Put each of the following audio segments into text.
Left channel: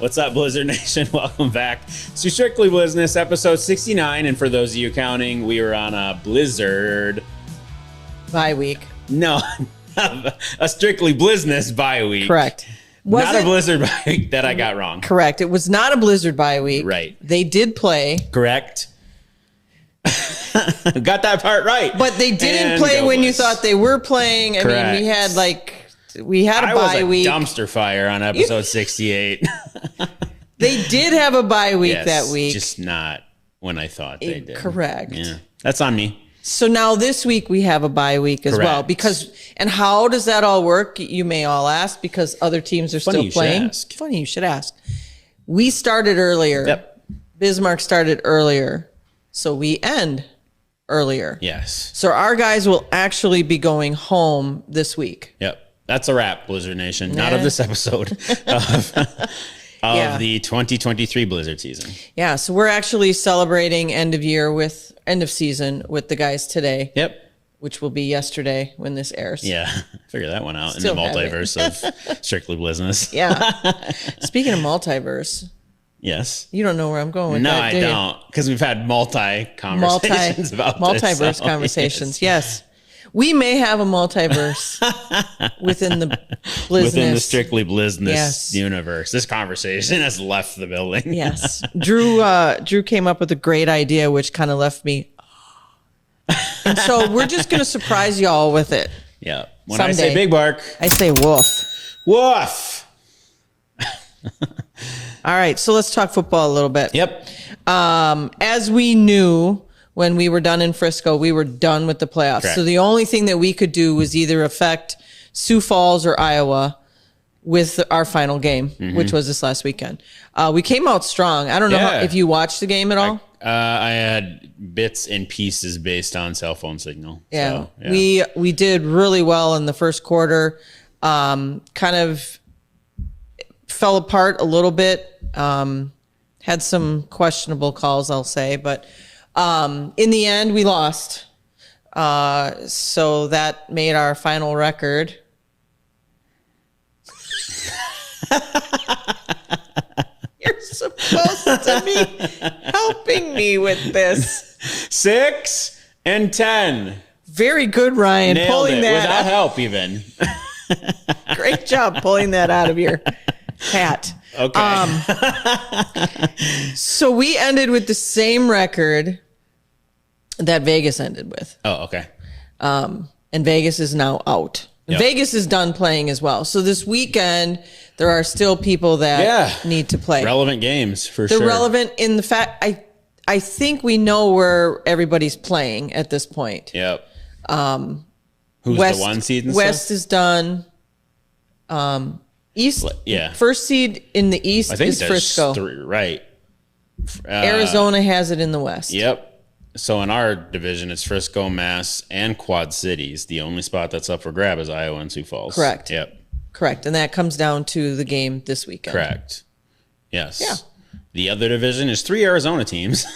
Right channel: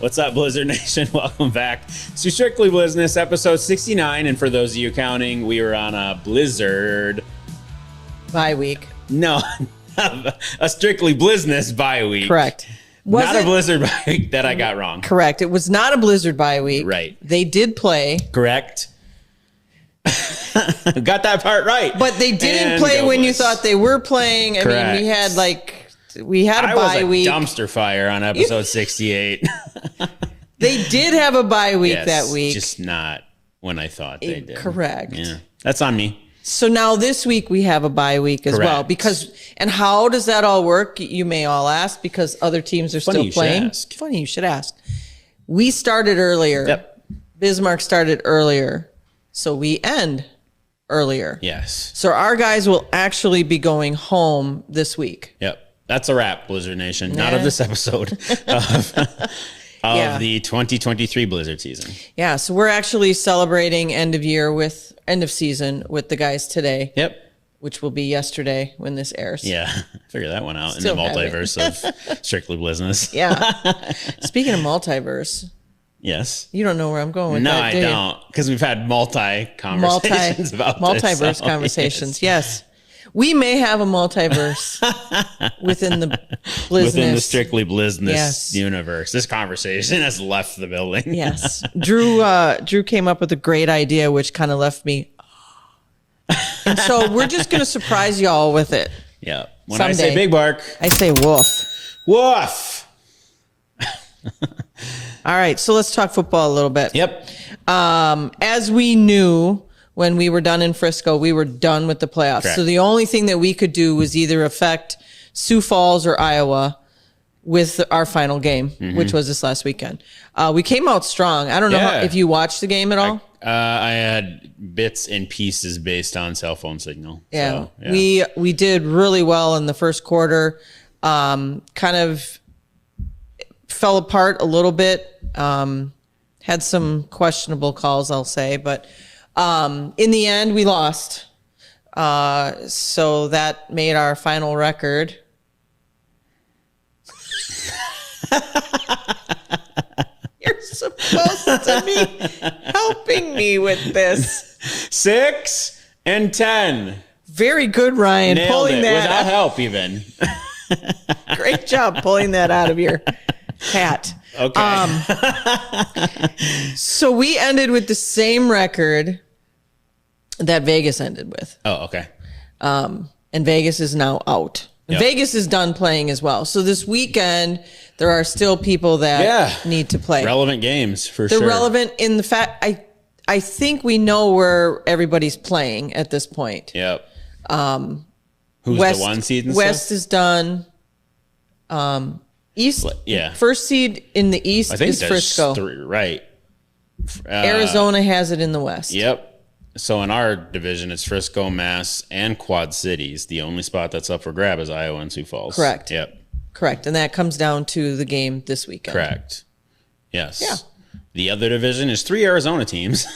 What's up, Blizzard Nation? Welcome back to Strictly Blizzness, episode 69. And for those of you counting, we were on a Blizzard bye week. No, a Strictly Blizzness bye week. Correct. Not a Blizzard bye week that I got wrong. Correct. It was not a Blizzard bye week. Right. They did play. Correct. Got that part right. But they didn't play when you thought they were playing. I mean, we had a bye week. Dumpster fire on episode 68. They did have a bye week that week. Just not when I thought they did. Correct. Yeah, that's on me. So now this week we have a bye week as well. And how does that all work? You may all ask, because other teams are still playing. Funny you should ask. We started earlier. Yep. Bismarck started earlier. So we end earlier. Yes. So our guys will actually be going home this week. Yep. That's a wrap, Blizzard Nation. Not of this episode. Of the 2023 Blizzard season. Yeah, so we're actually celebrating end of season with the guys today. Yep. Which will be yesterday when this airs. Yeah, figure that one out. Still in the multiverse of Strictly Blizzness. Yeah. Speaking of multiverse. Yes. You don't know where I'm going with that, I don't, because we've had conversations about multiverse conversations. Yes. We may have a multiverse within the Blizzness. Within the Strictly Blizzness universe. This conversation has left the building. Yes. Drew came up with a great idea, which kind of left me. And so we're just going to surprise y'all with it. Yeah. When I say big bark, I say woof. Woof. All right. So let's talk football a little bit. Yep. As we knew, when we were done in Frisco, we were done with the playoffs. Correct. So the only thing that we could do was either affect Sioux Falls or Iowa with our final game, which was this last weekend. We came out strong. I don't know if you watched the game at all. I had bits and pieces based on cell phone signal. Yeah, so, yeah. We did really well in the first quarter. Kind of fell apart a little bit. Had some questionable calls, I'll say, but in the end, we lost. So that made our final record. You're supposed to be helping me with this. 6-10. Very good, Ryan. Nailed pulling it. that Without help, even. Great job pulling that out of your hat. Okay. So we ended with the same record that Vegas ended with. Oh, okay. And Vegas is now out. Yep. Vegas is done playing as well. So this weekend, there are still people that need to play. Relevant games, for sure. They're relevant in the fact, I think we know where everybody's playing at this point. Yep. Who's West, the one seed and West stuff? is done. East, first seed in the East is Frisco. Right. Arizona has it in the West. Yep. So in our division, it's Frisco, Mass, and Quad Cities. The only spot that's up for grab is Iowa and Sioux Falls. Correct. Yep. Correct. And that comes down to the game this weekend. Correct. Yes. Yeah. The other division is 3 Arizona teams.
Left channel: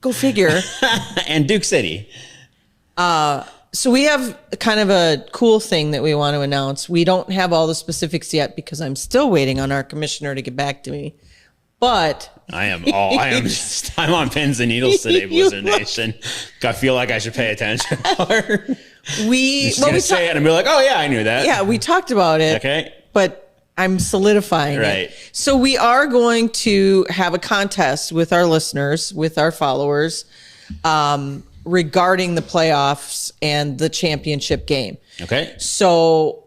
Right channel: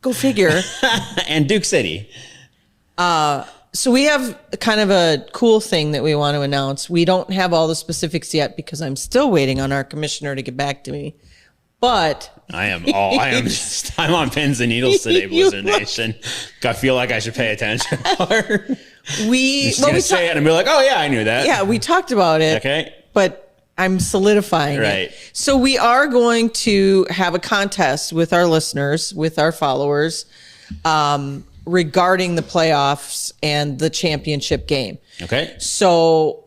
Go figure. And Duke City. So we have kind of a cool thing that we want to announce. We don't have all the specifics yet because I'm still waiting on our commissioner to get back to me. But I'm on pins and needles today, Blizzard Nation. I feel like I should pay attention. we say it and be like, oh yeah, I knew that. Yeah, we talked about it. Okay. But I'm solidifying it. So we are going to have a contest with our listeners, with our followers, regarding the playoffs and the championship game. Okay. So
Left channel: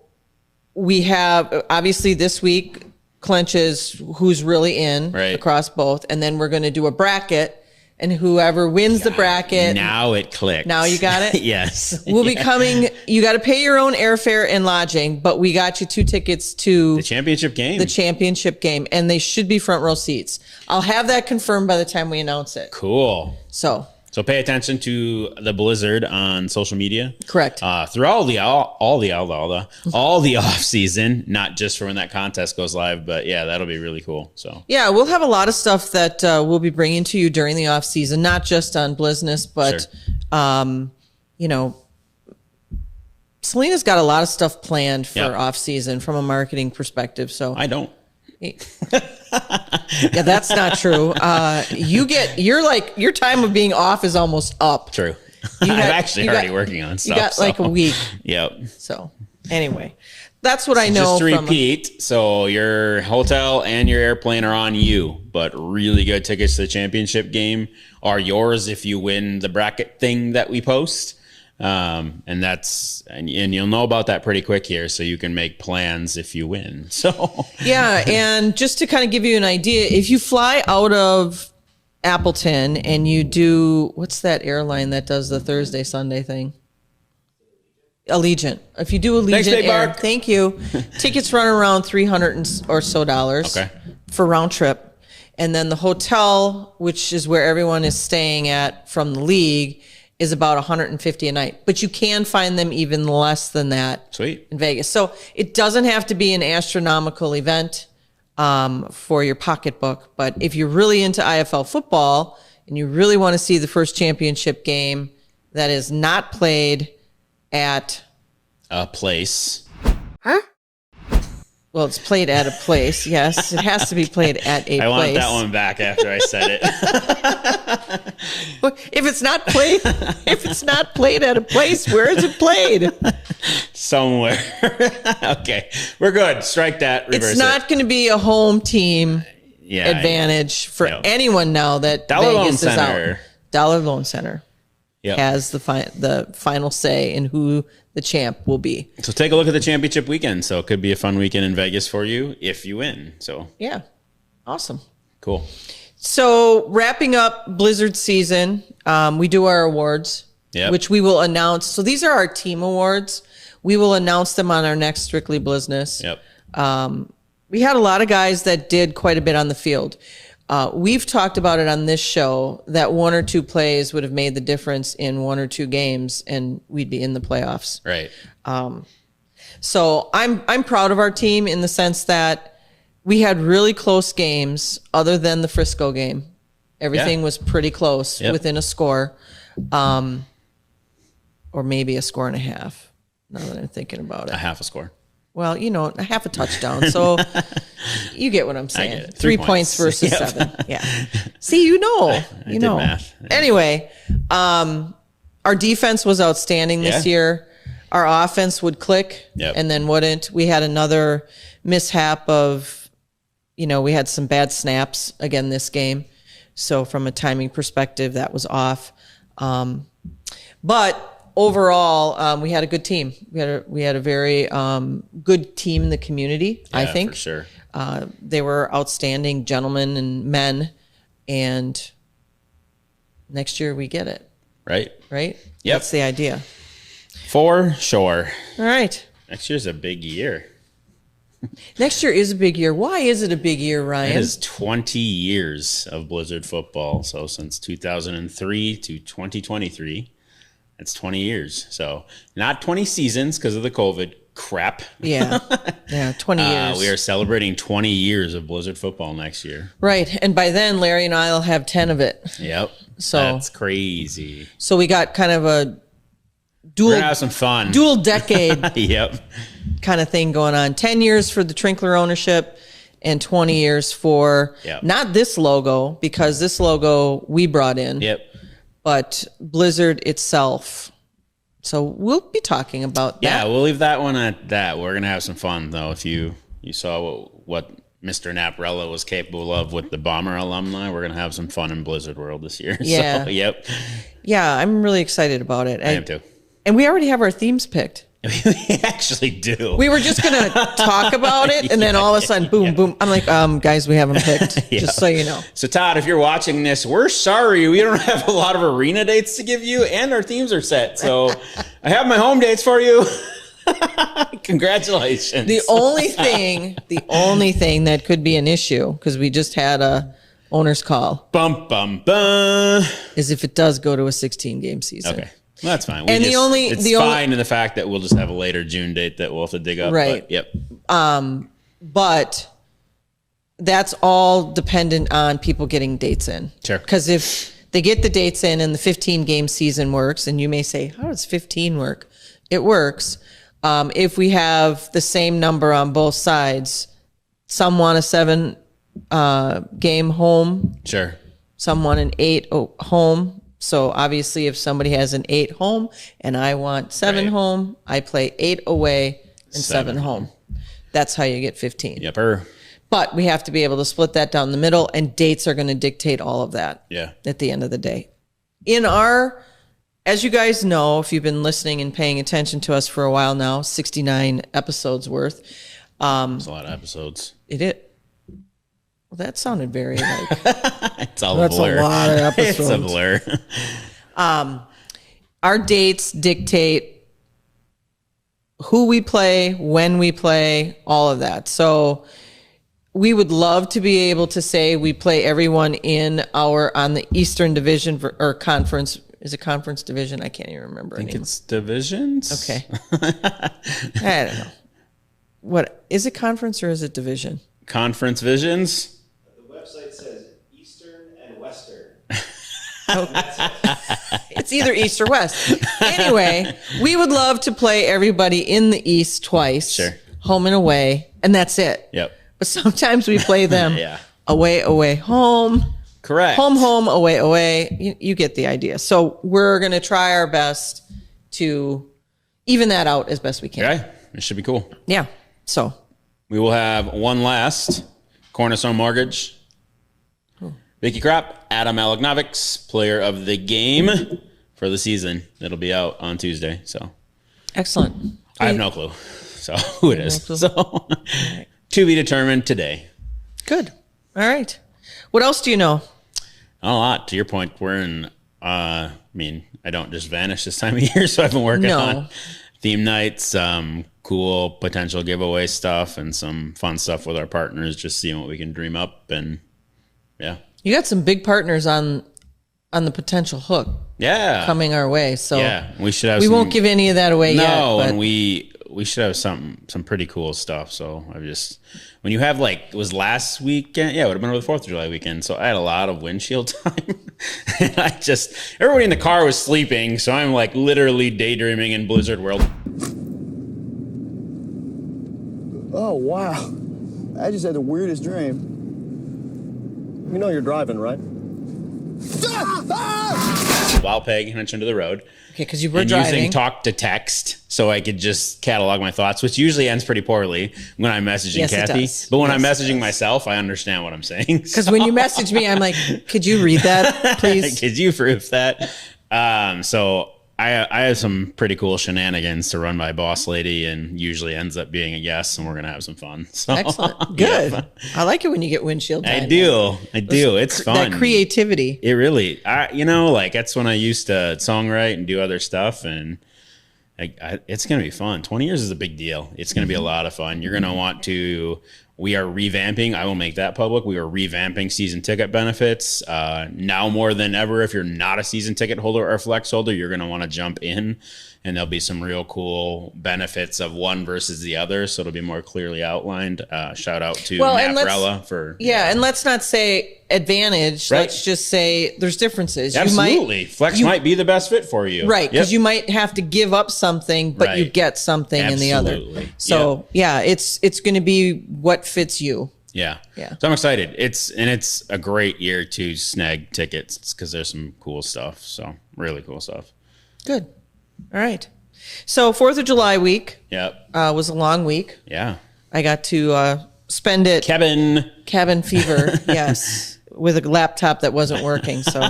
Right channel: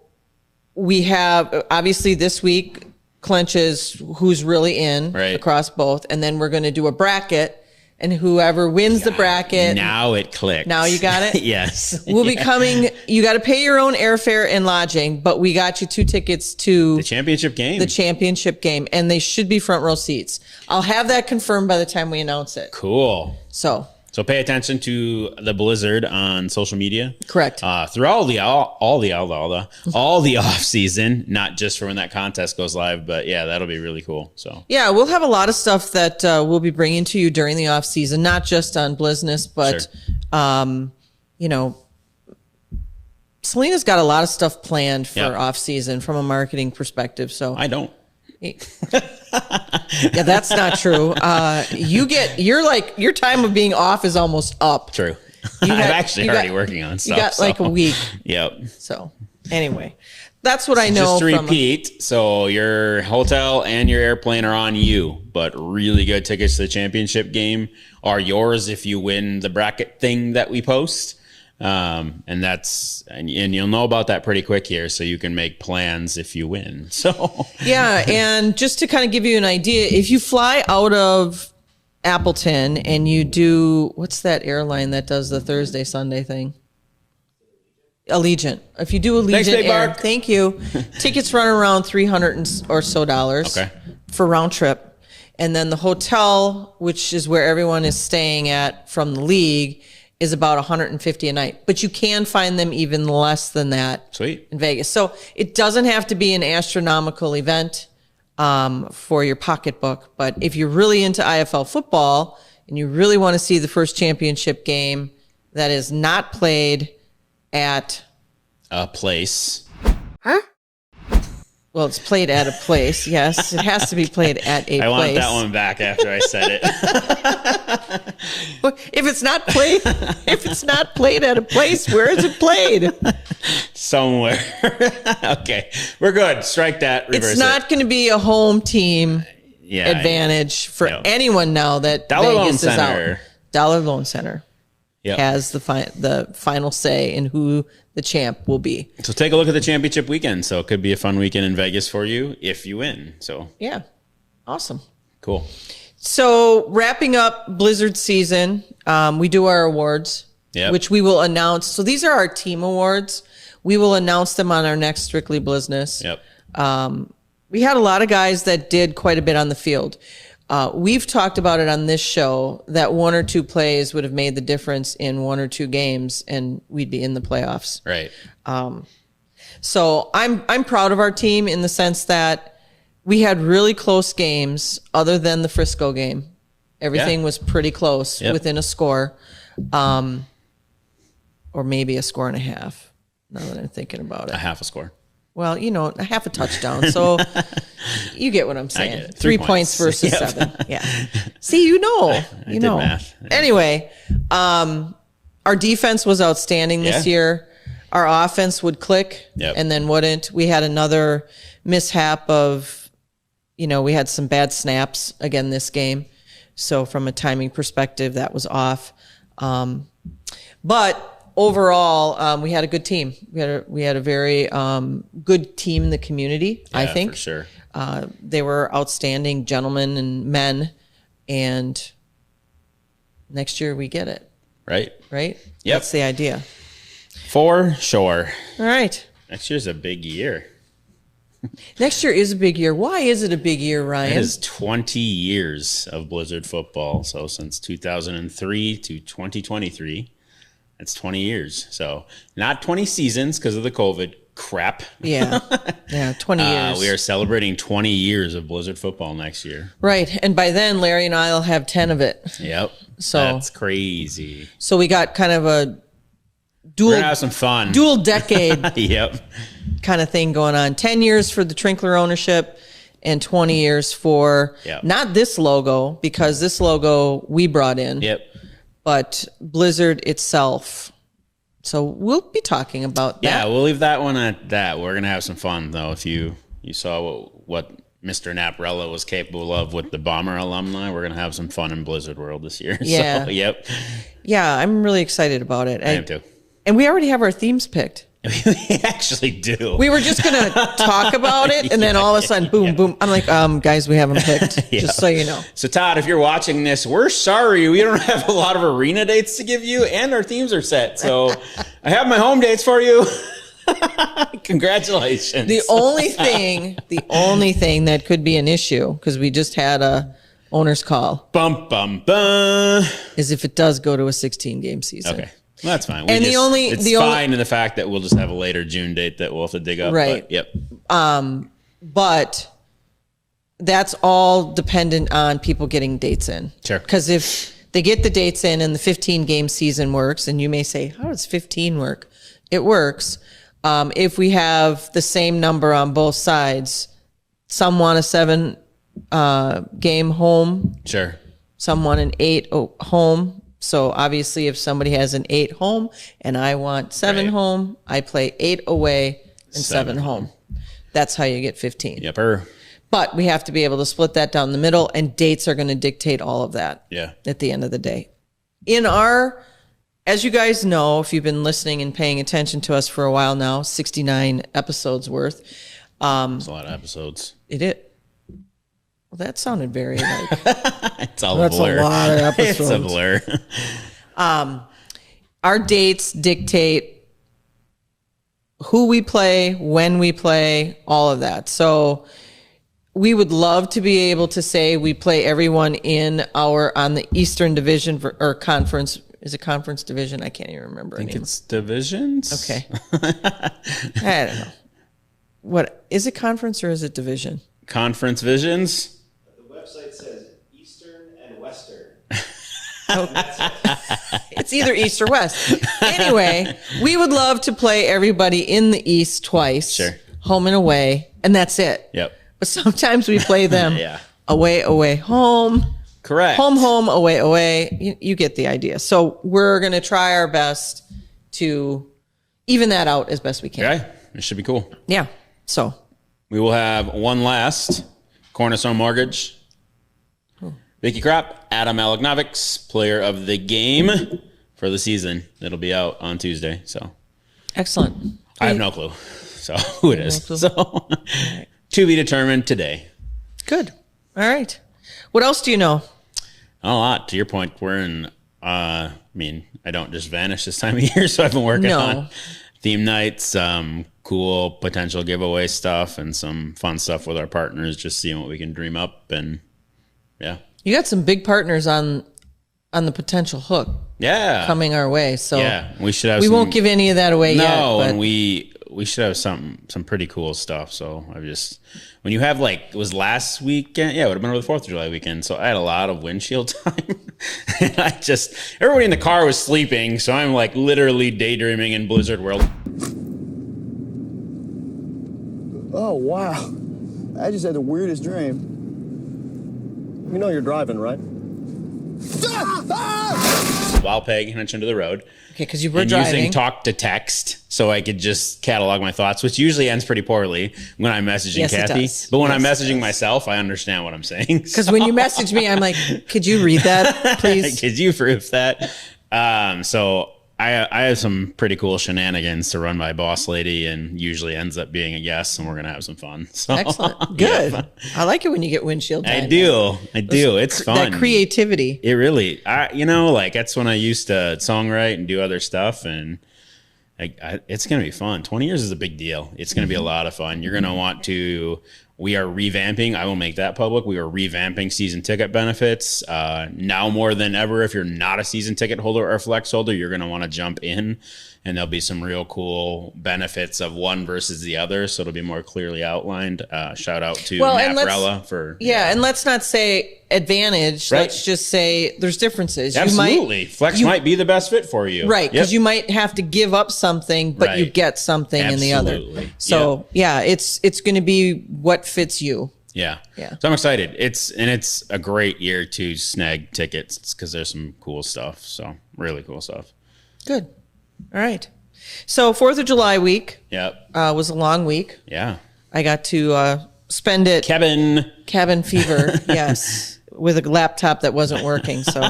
we have, obviously this week, clinches who's really in across both. And then we're going to do a bracket, and whoever wins the bracket. Now it clicks. Now you got it? Yes. We'll be coming. You got to pay your own airfare and lodging, but we got you 2 tickets to the championship game. The championship game, and they should be front row seats. I'll have that confirmed by the time we announce it. Cool. So pay attention to the Blizzard on social media. Correct. Through all the off season, not just for when that contest goes live, but yeah, that'll be really cool. So yeah, we'll have a lot of stuff that we'll be bringing to you during the off season, not just on Blizzness, but you know, Selena's got a lot of stuff planned for off season from a marketing perspective. So I don't. Yeah, that's not true. Your time of being off is almost up. True. I'm actually already working on stuff. You got like a week. Yep. So anyway, that's what I know. Just to repeat, so your hotel and your airplane are on you, but really good tickets to the championship game are yours if you win the bracket thing that we post. And you'll know about that pretty quick here, so you can make plans if you win. So yeah, and just to kind of give you an idea, if you fly out of Appleton and you do, what's that airline that does the Thursday Sunday thing? Allegiant. If you do Allegiant Air, thank you. Tickets run around $300 or so for round trip, and then the hotel, which is where everyone is staying at from the league, is about $150 a night, but you can find them even less than that. Sweet. In Vegas. So it doesn't have to be an astronomical event for your pocketbook, but if you're really into IFL football and you really want to see the first championship game that is not played at a place. Huh? Well, it's played at a place. Yes, it has to be played at a place. I want that one back after I said it. If it's not played at a place, where is it played? Somewhere. Okay, we're good. Strike that. Reverse it's not going to be a home team advantage for anyone now that Dollar Vegas Loan is Center. out. Dollar Loan Center has the final say in who the champ will be. So take a look at the championship weekend. So it could be a fun weekend in Vegas for you if you win. So yeah, awesome, cool. So wrapping up Blizzard season, we do our awards, which we will announce. So these are our team awards. We will announce them on our next Strictly Blizzness. Yep. We had a lot of guys that did quite a bit on the field. We've talked about it on this show that one or two plays would have made the difference in one or two games, and we'd be in the playoffs. Right. So I'm proud of our team in the sense that we had really close games, other than the Frisco game. Everything was pretty close, within a score, or maybe a score and a half. Now that I'm thinking about it, a half a score. Well, a half a touchdown. So you get what I'm saying. I get it. 3 points versus 7. Yeah. See, you know. I did math. Anyway, our defense was outstanding this year. Our offense would click and then wouldn't. We had another mishap of, we had some bad snaps again this game. So from a timing perspective, that was off. But overall, we had a good team. We had a very good team in the community, I think. For sure. They were outstanding gentlemen and men, and next year we get it. Right? Right? Yep. That's the idea. For sure. All right. Next year's a big year. Next year is a big year. Why is it a big year, Ryan? It is 20 years of Blizzard football. So since 2003 to 2023. That's 20 years. So not 20 seasons because of the COVID crap. Yeah. Yeah, 20 years. We are celebrating 20 years of Blizzard football next year. Right. And by then, Larry and I will have 10 of it. Yep. So that's crazy. So we got kind of a We're gonna have some fun. dual decade kind of thing going on. 10 years for the Trinkler ownership and 20 years for not this logo, because this logo we brought in. Yep. But Blizzard itself. So we'll be talking about that. Yeah, we'll leave that one at that. We're gonna have some fun though. If you saw what Mr. Naprella was capable of with the Bomber alumni, we're gonna have some fun in Blizzard World this year. Yeah. So, yep. Yeah, I'm really excited about it. I am too. And we already have our themes picked. We actually do. We were just gonna talk about it, and then all of a sudden, boom, boom. I'm like, guys, we have them picked. Just so you know. So Todd, if you're watching this, we're sorry we don't have a lot of arena dates to give you, and our themes are set. So I have my home dates for you. Congratulations. The only thing that could be an issue, because we just had a owner's call, bum bum bum, is if it does go to a 16-game season. Okay. Well, that's fine. And it's fine in the fact that we'll just have a later June date that we'll have to dig up. Right. But, yep. But that's all dependent on people getting dates in. Sure. Because if they get the dates in and the 15-game season works, and you may say, how does 15 work? It works. If we have the same number on both sides, Some want a 7 game home. Sure. Some want an 8 home. So obviously, if somebody has an 8 home and I want 7 home, I play 8 away and 7 home. That's how you get 15. Yepper. But we have to be able to split that down the middle, and dates are going to dictate all of that. Yeah. At the end of the day, as you guys know, if you've been listening and paying attention to us for a while now, 69 episodes worth. It's a lot of episodes. Well, that sounded very like it's all a blur. A lot of episodes. It's a blur. Our dates dictate who we play, when we play, all of that. So we would love to be able to say we play everyone on the Eastern Division or conference. Is it conference division? I can't even remember. I think it's divisions. Okay. I don't know. What is it, conference or is it division? Conference visions. The website says Eastern and Western. It's either East or West. Anyway, we would love to play everybody in the East twice. Sure. Home and away, and that's it. Yep. But sometimes we play them away, home. Correct. Home, away. You get the idea. So we're going to try our best to even that out as best we can. Okay. It should be cool. Yeah. So we will have one last Cornerstone Mortgage. Vicky Kropp, Adam Alagnovics, player of the game for the season. It'll be out on Tuesday. So excellent. I have no clue. So who it is. So to be determined today. Good. All right. What else do you know? A lot. To your point, we're in, I don't just vanish this time of year, so I've been working on theme nights, cool potential giveaway stuff, and some fun stuff with our partners, just seeing what we can dream up. And yeah. You got some big partners on the potential hook. Yeah. Coming our way. So yeah, we should have. We won't give any of that away yet. No, and we should have some pretty cool stuff. So when you have it was last weekend. Yeah, it would have been over the 4th of July weekend. So I had a lot of windshield time. And everybody in the car was sleeping. So I'm literally daydreaming in Blizzard World. Oh, wow. I just had the weirdest dream. You know you're driving, right? While Peg mentioned to the road. Okay, because you were driving. Using talk to text so I could just catalog my thoughts, which usually ends pretty poorly when I'm messaging Kathy. It does. But when I'm messaging myself, I understand what I'm saying. Because when you message me, I'm like, could you read that, please? Could you proof that? So I have some pretty cool shenanigans to run my boss lady, and usually ends up being a yes, and we're gonna have some fun. So, excellent, good. Yeah. I like it when you get windshield time. I do. It's fun. That creativity. It really, that's when I used to songwrite and do other stuff, and it's gonna be fun. 20 years is a big deal. It's gonna be a lot of fun. You're gonna want to. We are revamping. I will make that public. We are revamping season ticket benefits. Now more than ever, if you're not a season ticket holder or flex holder, you're going to want to jump in, and there'll be some real cool benefits of one versus the other. So it'll be more clearly outlined. Shout out to Naprella for. Yeah, and let's not say advantage. Right. Let's just say there's differences. Absolutely. Flex might be the best fit for you. Right. Because you might have to give up something, but you get something in the other. So it's going to be what fits you. Yeah. So I'm excited. It's a great year to snag tickets because there's some cool stuff. So really cool stuff. Good. All right. So 4th of July week. Was a long week. Yeah. I got to spend it. Cabin fever. Yes. With a laptop that wasn't working. So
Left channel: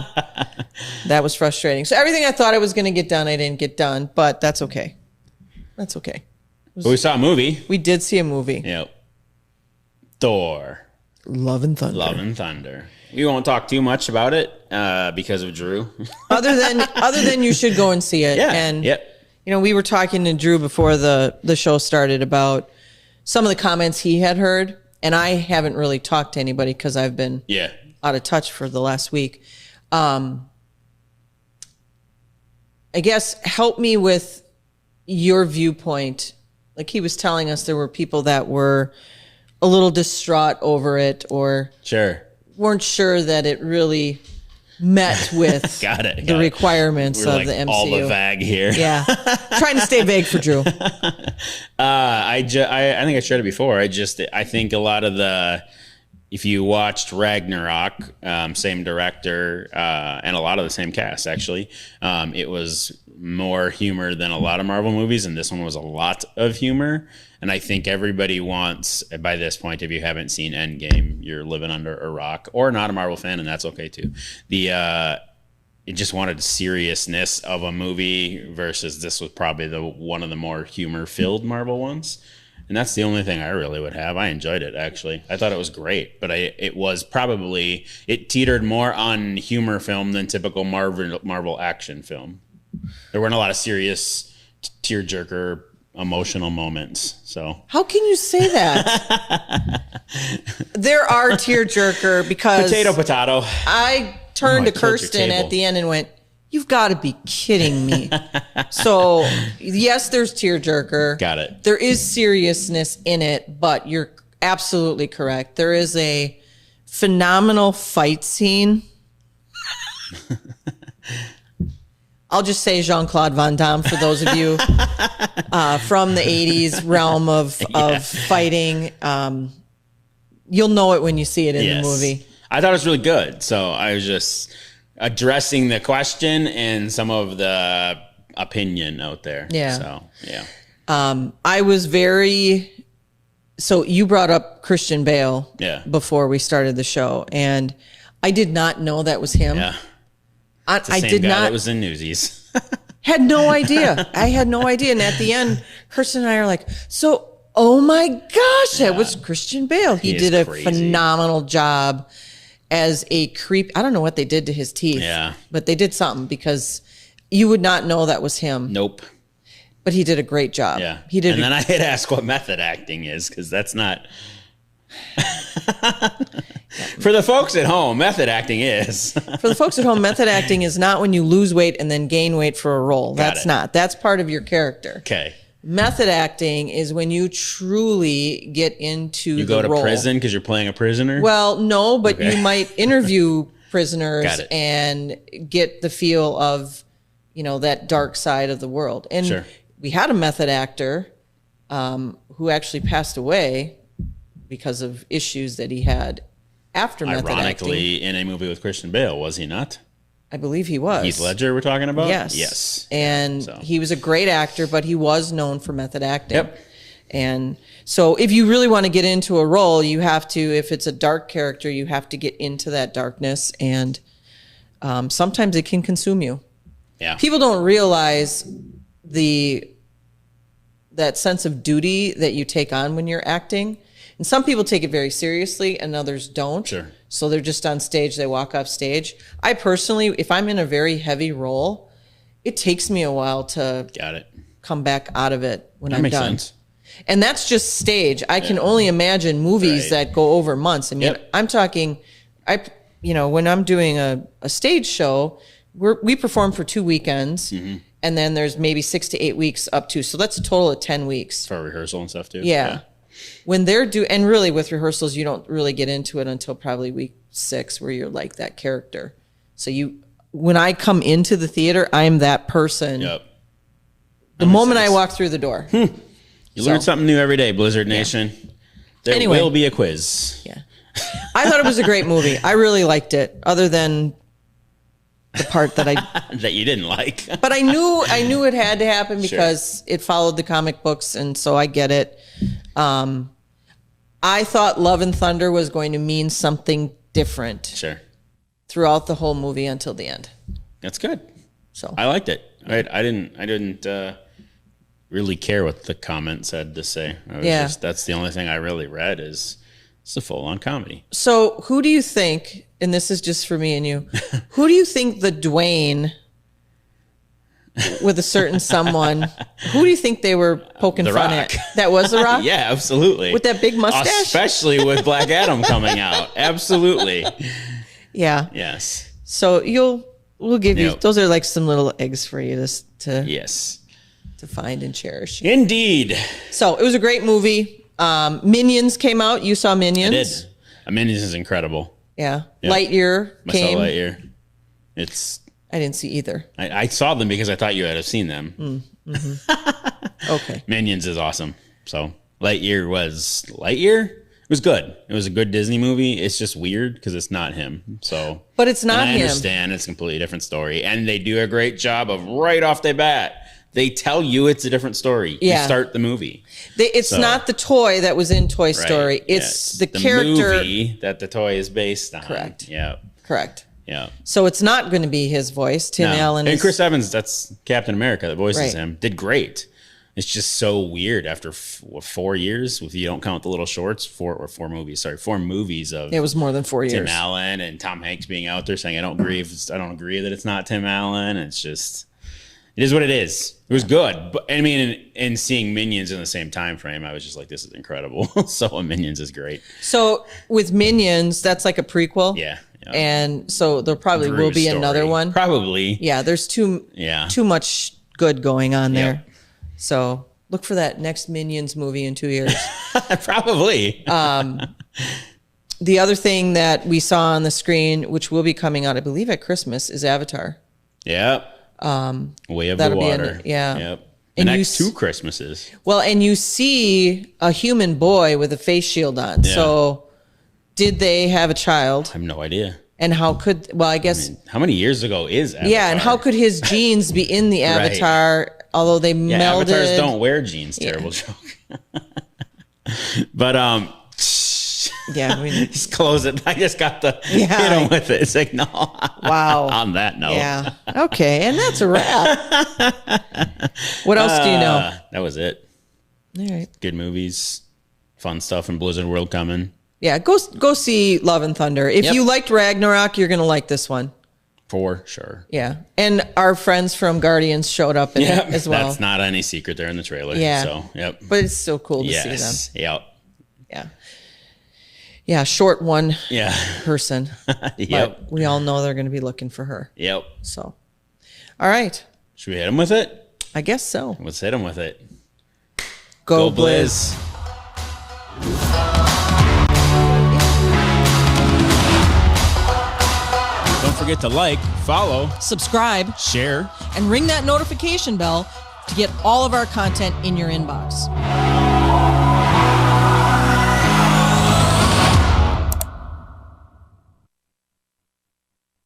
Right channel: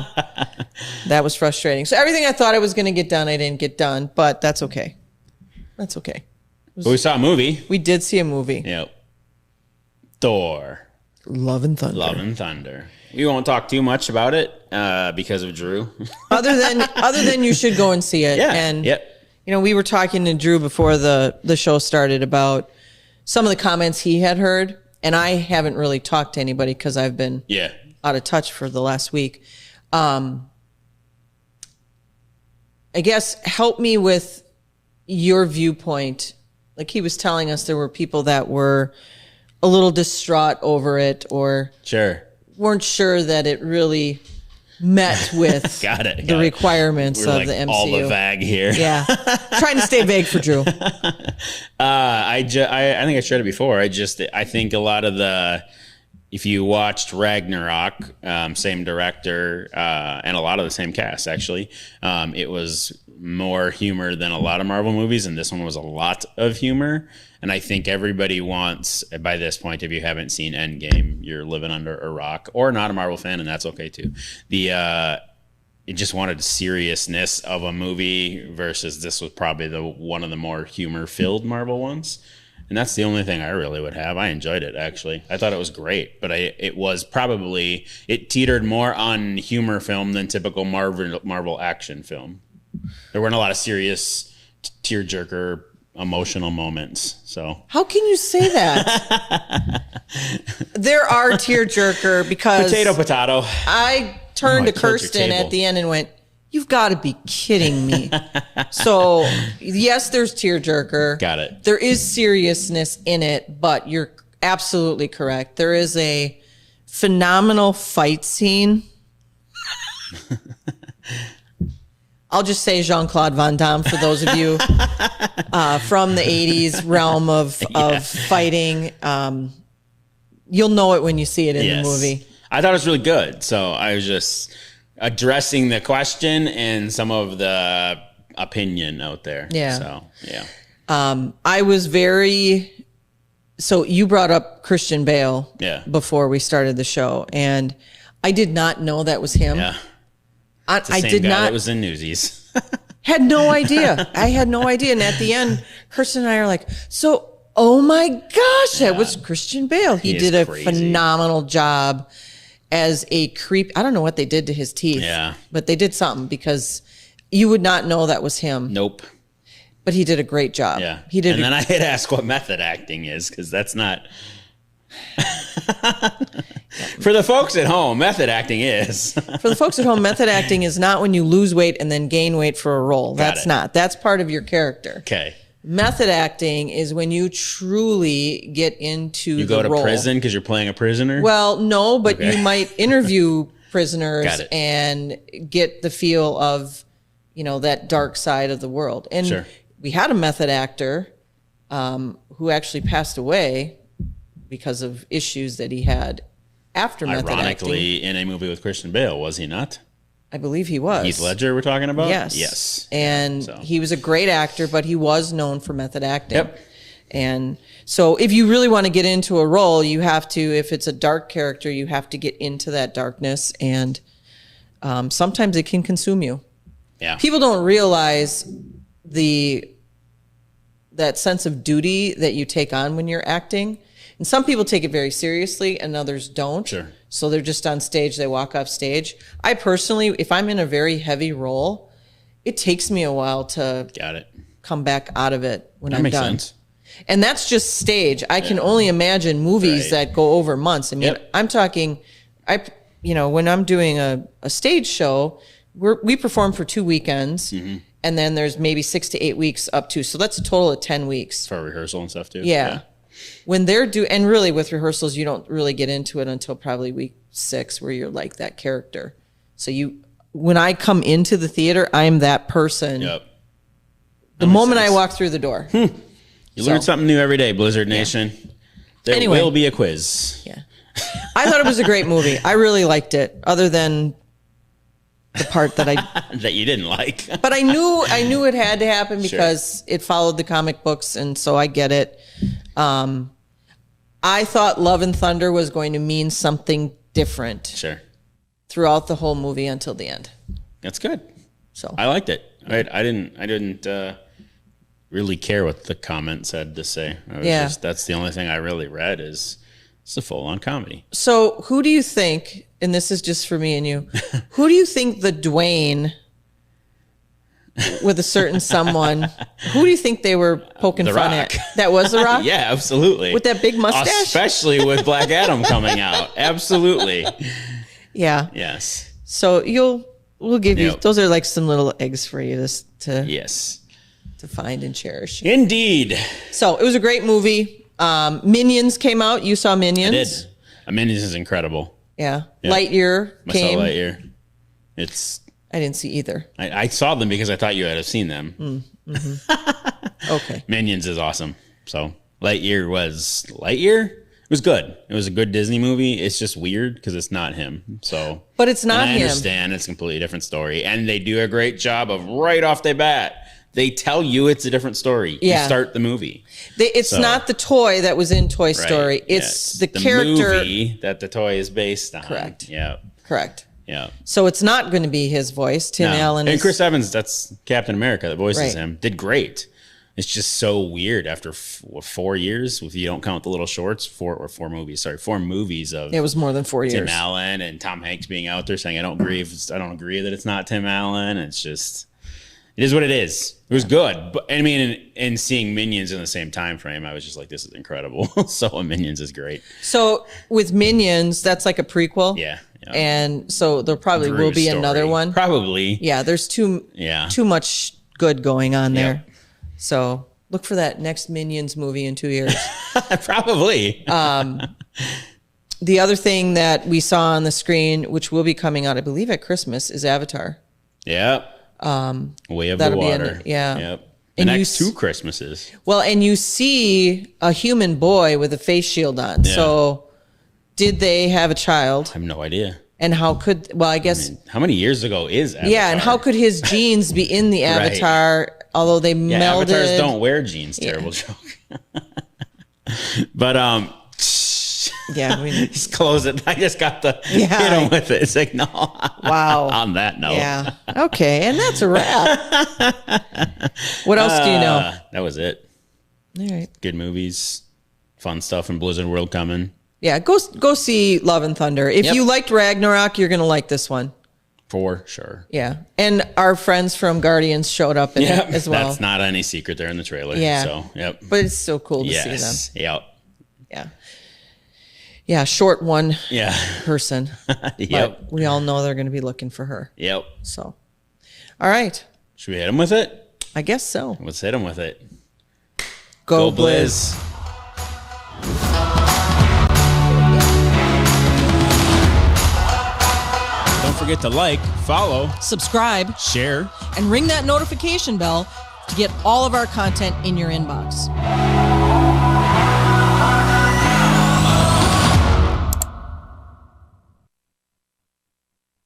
that was frustrating. So everything I thought I was going to get done, I didn't get done, but that's okay. That's okay. We saw a movie. We did see a movie. Yep. Thor. Love and Thunder. We won't talk too much about it because of Drew. other than you should go and see it. Yeah. And we were talking to Drew before the show started about some of the comments he had heard, and I haven't really talked to anybody because I've been out of touch for the last week. I guess help me with your viewpoint. Like he was telling us there were people that were a little distraught over it or weren't sure that it really met with Got it. the requirements We're of like the MCU. all the vague here. Yeah, trying to stay vague for Drew. I think I shared it before. I think a lot of the, if you watched Ragnarok, same director, and a lot of the same cast actually, it was more humor than a lot of Marvel movies, and this one was a lot of humor. And I think everybody wants, by this point, if you haven't seen Endgame, you're living under a rock, or not a Marvel fan, and that's okay too. It just wanted seriousness of a movie versus this was probably one of the more humor-filled Marvel ones. And that's the only thing I really would have. I enjoyed it, actually. I thought it was great, but it teetered more on humor film than typical Marvel action film. There weren't a lot of serious tearjerker emotional moments. So How can you say that? There are tearjerker because potato. I turned to Kirsten at the end and went, "You've got to be kidding me." So, yes, there's tearjerker. Got it. There is seriousness in it, but you're absolutely correct. There is a phenomenal fight scene. I'll just say Jean-Claude Van Damme for those of you from the 80s realm of fighting. You'll know it when you see it in the movie. I thought it was really good. So I was just addressing the question and some of the opinion out there. Yeah. So, yeah. I was so you brought up Christian Bale before we started the show, and I did not know that was him. Yeah. I did not. It was in Newsies. Had no idea. I had no idea. And at the end, Kirsten and I are like, oh my gosh, that was Christian Bale. He did a phenomenal job as a creep. I don't know what they did to his teeth. Yeah. But they did something because you would not know that was him. Nope. But he did a great job. Yeah. He did. And then I had asked what method acting is, because that's not. For the folks at home, method acting is. For the folks at home, method acting is not when you lose weight and then gain weight for a role. That's not. That's part of your character. Okay. Method acting is when you truly get into the role. You go to prison because you're playing a prisoner? Well, no, but you might interview prisoners and get the feel of, that dark side of the world. And we had a method actor who actually passed away because of issues that he had after method acting. Ironically, in a movie with Christian Bale, was he not? I believe he was. Heath Ledger we're talking about? Yes. And he was a great actor, but he was known for method acting. Yep. And so if you really want to get into a role, you have to, if it's a dark character, you have to get into that darkness. And sometimes it can consume you. Yeah. People don't realize that sense of duty that you take on when you're acting. And some people take it very seriously and others don't. Sure. So they're just on stage, they walk off stage. I personally, if I'm in a very heavy role, it takes me a while to come back out of it when I'm done. Sense. And that's just stage. I can only imagine movies that go over months. I mean, I'm talking, when I'm doing a stage show, we perform for 2 weekends. Mm-hmm. And then there's maybe 6 to 8 weeks up to. So that's a total of 10 weeks. For rehearsal and stuff too? Yeah. When they're and really with rehearsals, you don't really get into it until probably week 6 where you're like that character. So when I come into the theater, I'm that person. Yep. The moment I walk through the door. You learn something new every day, Blizzard Nation. There will be a quiz. Yeah. I thought it was a great movie. I really liked it, other than the part that that you didn't like. But I knew it had to happen because it followed the comic books, and so I get it. I thought Love and Thunder was going to mean something different throughout the whole movie until the end. That's good. So I liked it. I didn't really care what the comments had to say. That's the only thing I really read is it's a full-on comedy. So who do you think, and this is just for me and you, who do you think the Dwayne with a certain someone, who do you think they were poking fun at? That was The Rock? Yeah, absolutely. With that big mustache? Especially with Black Adam coming out. Absolutely. Yeah. Yes. So we'll give you, those are like some little eggs for you to find and cherish. Indeed. So it was a great movie. Minions came out. You saw Minions? I did. Minions is incredible. Yeah. Lightyear came. I saw Lightyear. It's I didn't see either. I saw them because I thought you had seen them. Okay. Minions is awesome. So Lightyear was It was good. It was a good Disney movie. It's just weird because it's not him. So, But it's not and I him. understand it's a completely different story, and they do a great job of right off the bat. They tell you it's a different story. Yeah. You start the movie. It's not the toy that was in Toy Story. Right. It's Yeah, the character. Movie that the toy is based on. Correct. Yeah. Correct. Yeah. So it's not going to be his voice. Tim Allen And is Chris Evans, that's Captain America. The voice is Right. him. Did great. It's just so weird after 4 years, if you don't count the little shorts, 4 movies of It was more than 4 years. Tim Allen and Tom Hanks being out there saying, I don't agree that it's not Tim Allen. It's just, it is what it is. It was good. But I mean, and seeing Minions in the same time frame, I was just like, this is incredible. So Minions is great. So with Minions, that's like a prequel. Yeah. And so there probably will Drew's be story. another one. Probably. Yeah, there's too much good going on there. So look for that next Minions movie in 2 years. Probably. The other thing that we saw on the screen, which will be coming out, I believe, at Christmas, is Avatar. Yep. Way of the that'll be water. yeah. Yep. And The you next 2 Christmases. Well, and you see a human boy with a face shield on. Yeah. So did they have a child? I have no idea. And how could, well, I guess, How many years ago is Avatar? yeah, and how could his genes be in the Right. Avatar, although they Yeah, melded? avatars don't wear jeans. Terrible joke. But Yeah, just close it. I just got the Yeah. hit him with it. Signal. Wow. On that note. Yeah. Okay, and that's a wrap. What else do you know? That was it. All right. Good movies, fun stuff in Blizzard World coming. Yeah, go see Love and Thunder. If Yep. you liked Ragnarok, you're gonna like this one. For sure. Yeah, and our friends from Guardians showed up in it as well. That's not any secret there in the trailer. Yeah. So, yep. But it's still cool to see them. Yes. Yep. Yeah. Yeah, short one Yeah. person. Yep. But we all know they're going to be looking for her. Yep. So, all right. Should we hit him with it? I guess so. Let's hit him with it. Go, Blizz. Don't forget to like, follow, Subscribe share. and ring that notification bell to get all of our content in your inbox.